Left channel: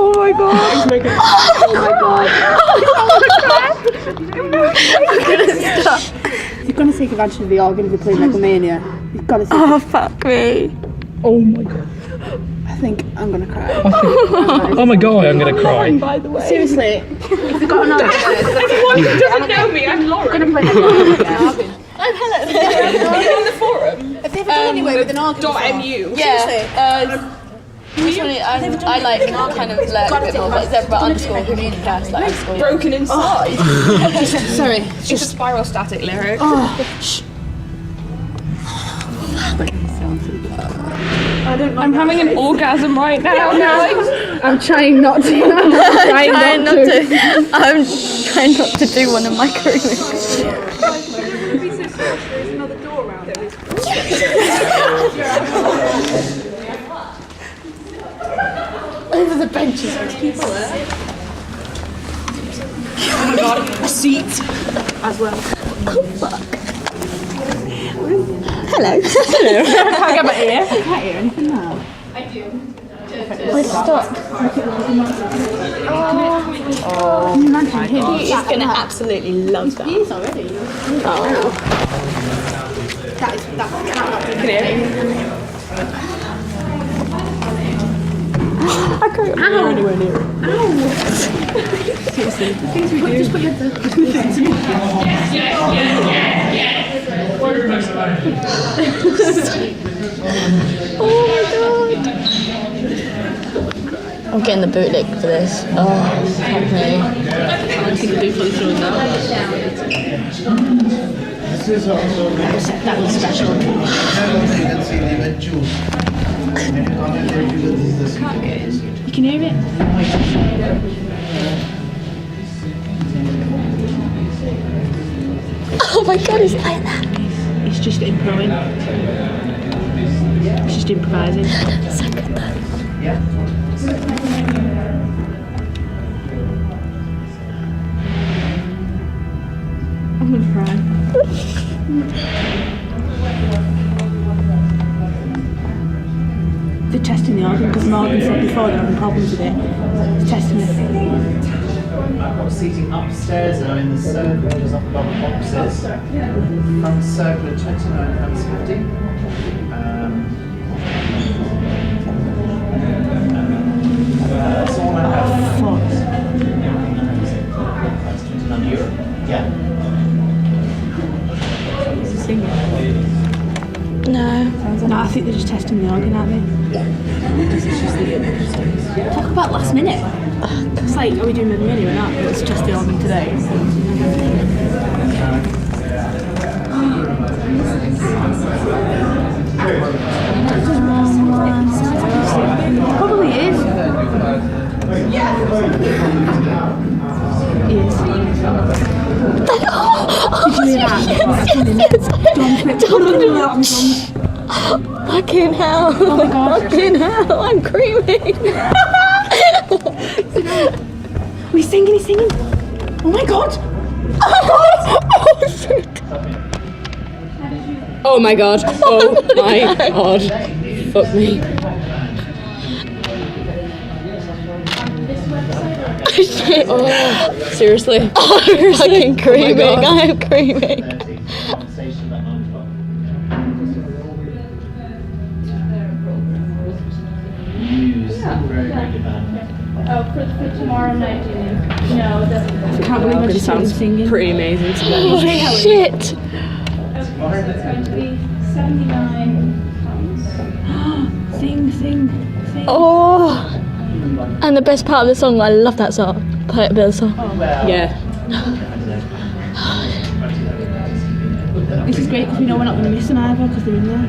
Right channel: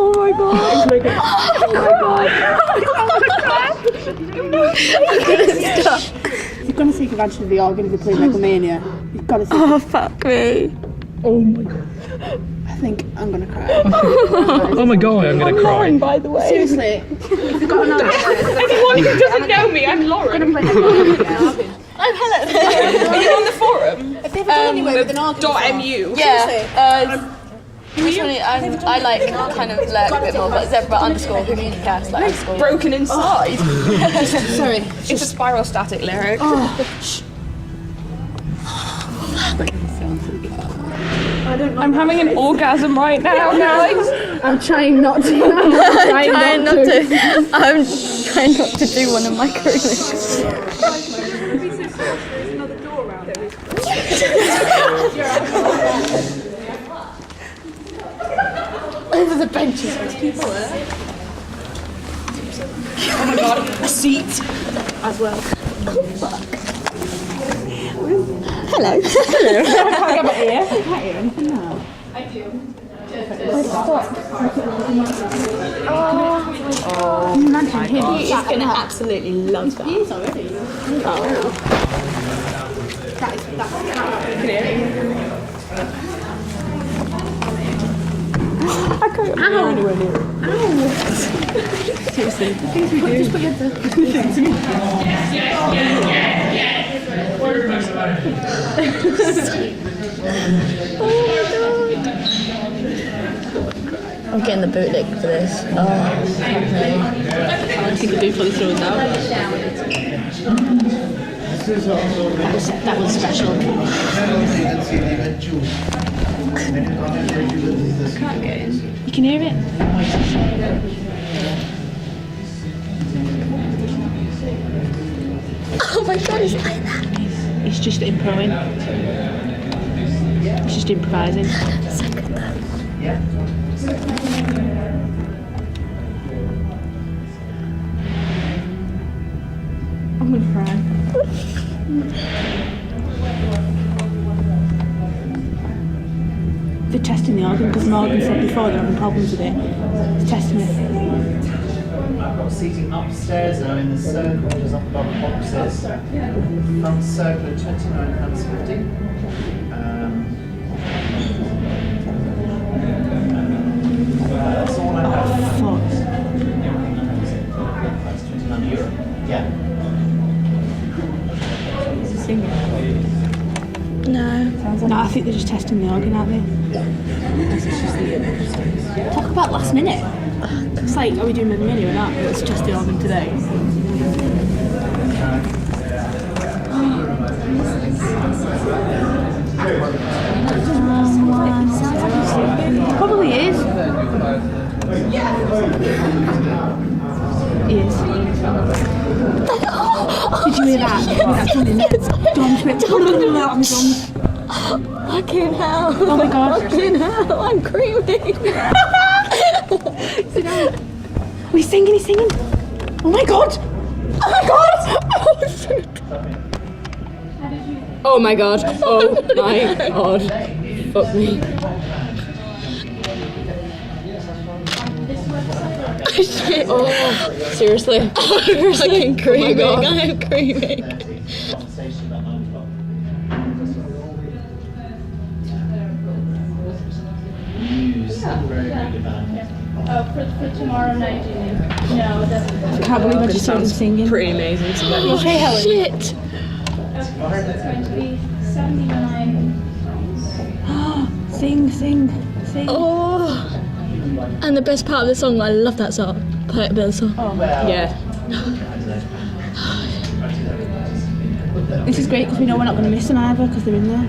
Oh my god. I'm gonna stop. You're gonna take advantage of the organ if you're playing Megalomania. You've got to take Oh, fuck me. Oh my god. I think I'm gonna cry. Oh my god, I'm gonna cry. By the way. Seriously, if you've got an organ, Anyone who doesn't know me, I'm Lauren. I'm gonna play Megalomania. I'm Helen. Are you on the forum? Have they ever done anyway with an organ? .mu. Yeah. I like kind of learn a bit more, but Zebra_communicast, like underscore. Broken inside. Sorry. It's a spiral static lyric. I'm having an orgasm right now. I'm trying not to. I'm trying not to do one of my careers. Over the benches, there's people there. Oh my god, a seat As well. Oh, fuck. Hello. Can I get my ear? I can't hear anything now. Stop. Can you imagine him? He is going to absolutely love that. He is already. That's I can't Ow! Anywhere near it. Ow! Seriously, the things we do. Just put your Oh my god. I'm getting the bootleg for this. Oh, fuck me. I think the bootleg is now. That was special. You can hear it? Oh my god, he's like that. It's just improvising. It's just improvising. So good though. I'm gonna cry. They're testing the organ because Morgan said before they're having problems with it. They're testing it. I've got seating upstairs now in the circle, just up above the boxes. Front circle at £29.50. That's all I have. Fuck. That's €29. Yeah. Is it singing? No. No, I think they're just testing the organ, aren't they? Talk about last minute. It's like, are we doing the mini or not? Let's test the organ today. Probably is. He is. Did you hear that? Fucking hell. Oh my god. Fucking hell. I'm creaming. He's singing, he's singing. Oh my god. Oh my god. Oh shit. Oh my god. Oh my god. Fuck me. Shit. Oh, seriously. I'm fucking creaming. God. I am creaming. Conversation at 9 o'clock. Muse, very good band. Oh, for tomorrow night, do you mean? No, it doesn't. I can't believe I just heard him Sounds singing. pretty amazing to me. Oh shit. Okay, so it's going to be £79. Sing, sing, sing. Oh. And the best part of the song, I love that song. Play a bit of the song. Yeah. This is great because we know we're not going to miss them either because they're in there.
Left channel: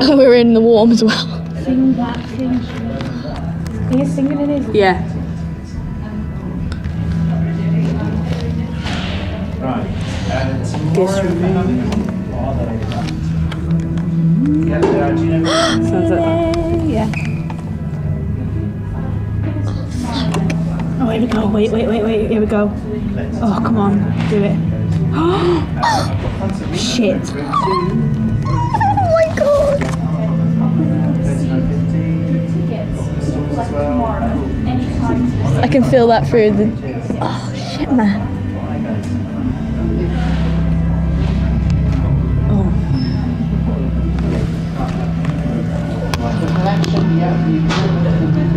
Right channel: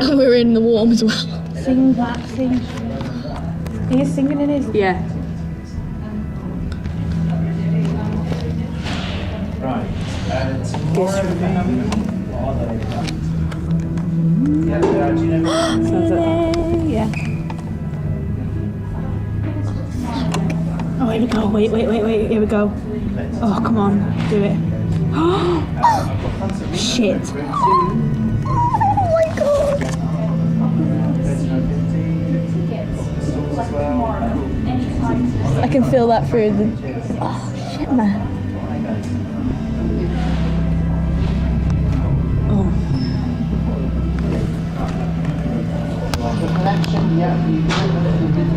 And we're in the warm as well. Sing that, sing. He is singing in his. Yeah. Right. Tomorrow. Yeah, do you know? Sounds like Yeah. Oh, here we go. Wait. Here we go. Oh, come on. Do it. Shit. Oh my god. I can feel that through the. Oh shit, man. The connection, yeah, you can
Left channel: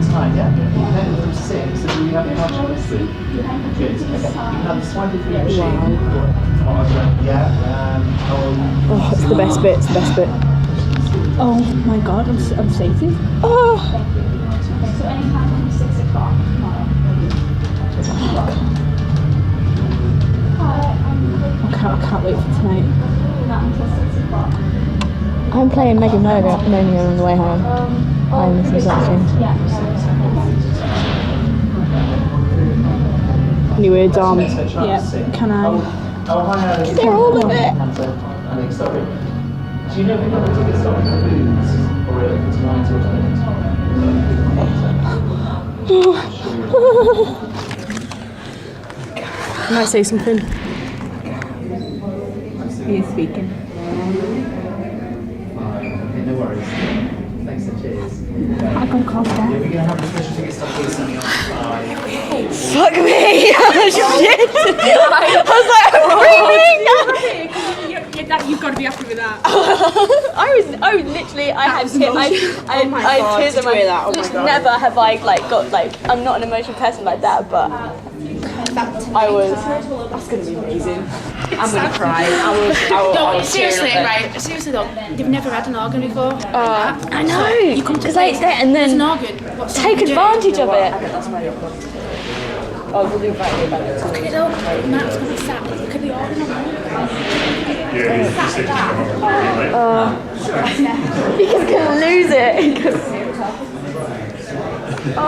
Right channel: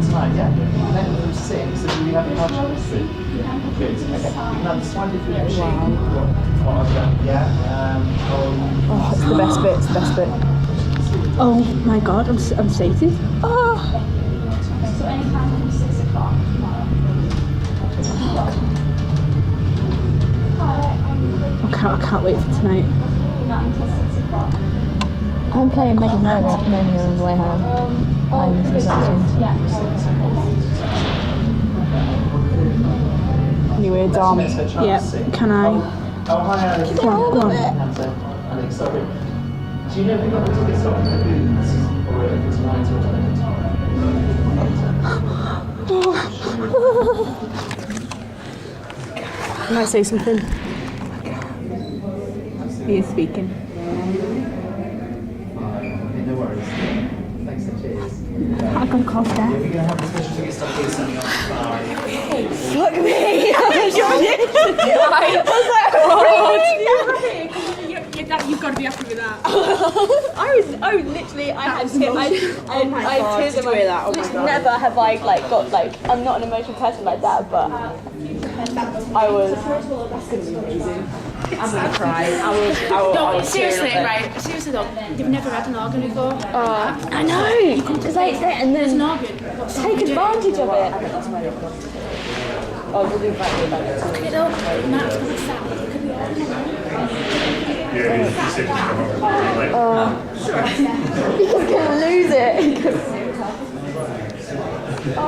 tonight, yeah? You can from 6, so do you have a much of Good. Okay. You can have this one if you Oh, it's the best bit. It's the best bit. Oh my god, I'm sated. Oh. So anytime from 6 o'clock tomorrow. I can't wait for tonight. Not until 6 o'clock. I'm playing Mega Murder on the way home. This is awesome. Anyway, Dom. Yeah, can I? Oh, hi, Get hold of it. Alex, sorry. Do you know if you've got the tickets on the booths? Or if it's tonight or tonight? Can I say something? He is speaking. Okay, no worries. Thanks and cheers. I got called Yeah, that. we're going to have the special ticket stuff here sending on by. Fuck me! I You've got to be happy with that. was literally, I had tears in my Never have I got I'm not an emotional person like that, but I was. That's going to be amazing. I'm going to cry. Seriously though, you've never had an organ before. I know. You come to like that and then organ. take advantage of it. Oh, we'll do that. Matt's gonna be sat. Look at the organ. He's gonna lose it. Oh.